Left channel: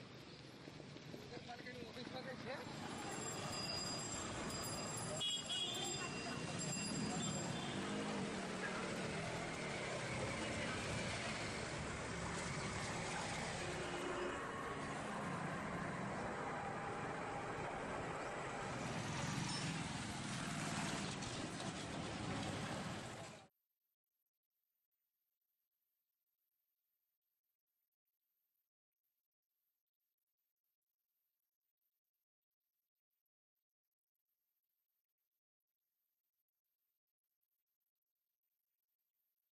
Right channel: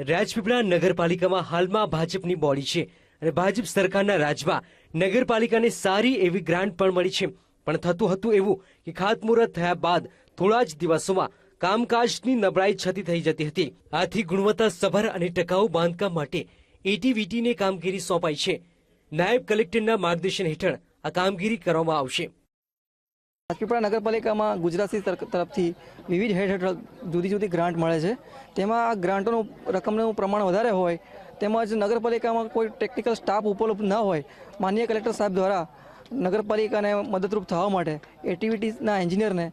રાજપીપળા નગરપાલિકામાં હાલમાં ભાજપની બોડી છે અને ભાજપ સરકારના રાજમાં નગરપાલિકાને સારી એવી ગ્રાન્ટ પણ મળી છે. પણ થતું હતું એવું કે ખાતમુહૂર્ત થયા બાદ થોડા જ દિવસોમાં કામકાજની નબળાઈ છતી થઈ જતી હતી. આથી ગુણવત્તા સભર અને ટકાઉ બાંધકામ માટે એટીવીટીને કામગીરી સોંપાઈ છે. નાયબ કલેક્ટરના માર્ગદર્શન હેઠળ આ કામગીરી કરવામાં આવશે. રાજપીપળા નગરપાલિકામાં ગુજરાતી સરકાર તરફથી વિવિધ હેડ હેઠળ જુદી જુદી ગ્રાન્ટ મળે છે. તેમાં આ ગ્રાન્ટોનું રકમનું પ્રમાણ વધારે હોય, તેમજ નગરપાલિકામાં કોઈ ટેકનિકલ સ્ટાફ ઉપલબ્ધ ન હોય માનનીય કલેક્ટર સાહેબ દ્વારા નગરપાલિકાને મદદરૂપ થવા માટે, એક્ટિવિટીઝના એન્જિનિયરને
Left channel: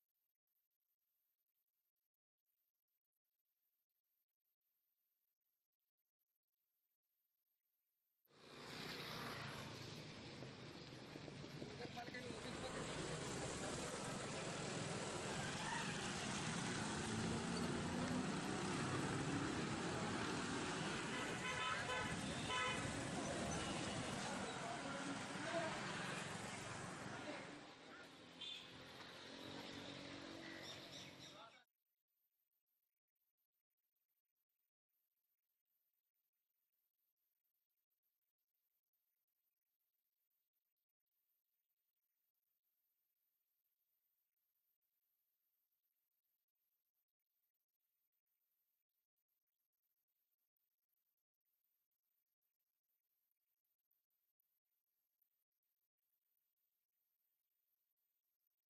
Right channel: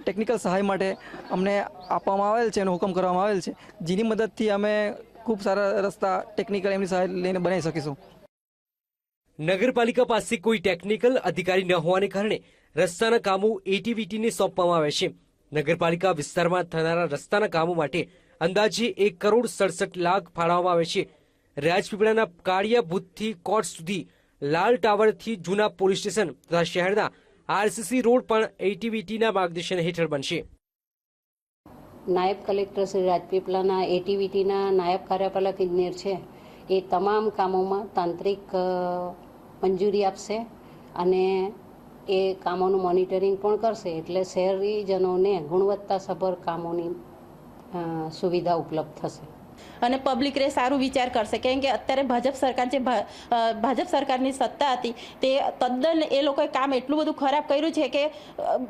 ટેકનિકલ સહાય માટે અમને આપવામાં આવેલ છે અને હુકમ કરવામાં આવેલ છે, જેની મદદથી અમે ખૂબ સારા રસ્તા ટેકનિકલ એમની સહાય લઈને બનાવી શકીશું. નગરપાલિકા પાસે કોઈ ટેકનિકલ અધિકારી ન હોવાને કારણે રસ્તાના કામો એટીવીટીને સોંપવામાં આવે છે. નગરપાલિકા વિસ્તારમાં થનારા રસ્તાના કામો માટે અંદાજે એક કરોડ સડસઠ લાખ ફાળવવામાં આવે છે. રાજપીપળાના કાળિયા બુથથી કોર્ટ સુધી લાલ ટાવરથી જૂના પોલીસ સ્ટેશન તથા શહેરના આરસીસી રોડ પણ એટીવીટીના માર્ગદર્શન હેઠળ બનશે. નાયબ કલેક્ટર શ્રી રાજપીપળાના એટીવીટીના નાયબ કાર્યપાલક ઇજનેર છે. એ તમામ કામોમાં તાંત્રિક મંજૂરી આપશે અને એ કામોનું મોનિટરિંગ પણ કરશે એટલે શહેરીજનોને ગુણવત્તાસભર કામોની સુવિધા ઉપલબ્ધ થશે. અને પબ્લિક રે સારું વિચાર કરશે. કેમ કે અત્યારે ભાજપ સરકાર જે ભા- ભાજપ સરકારની સત્તા હતી તે તદ્દન એ લોકોએ કામ એટલું બધું ખરાબ કર્યું છે કે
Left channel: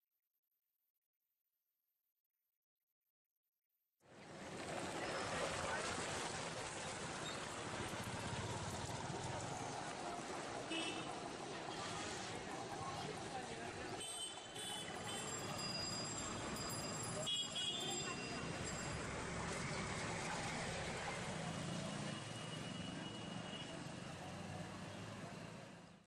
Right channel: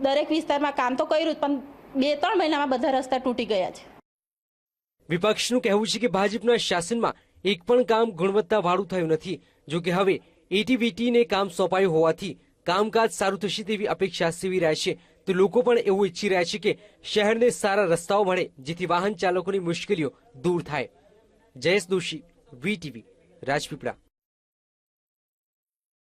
દરેક વિસ્તારમાં કામ તો કર્યું જ, પણ બે ત્રણ મહિનામાં બધા રસ્તા તૂટી ગયા છે. વિપક્ષનું કહેવું છે કે ભાજપના શાસનમાં એક પણ કામ ગુણવત્તાવાળું થયું નથી. જો કે હવે એટીવીટીને કામ સોંપાયું હોવાથી કામકાજ સારું થશે તેવી અપેક્ષા સેવી રહ્યા છે. તો લોકો પણ એવું ઈચ્છી રહ્યા છે કે શહેરને સારા રસ્તાઓ મળે, જેથી વાહન ચાલકોની મુશ્કેલીઓ દૂર થાય. જયેશ દોશી, વીટીવી, રાજપીપળા.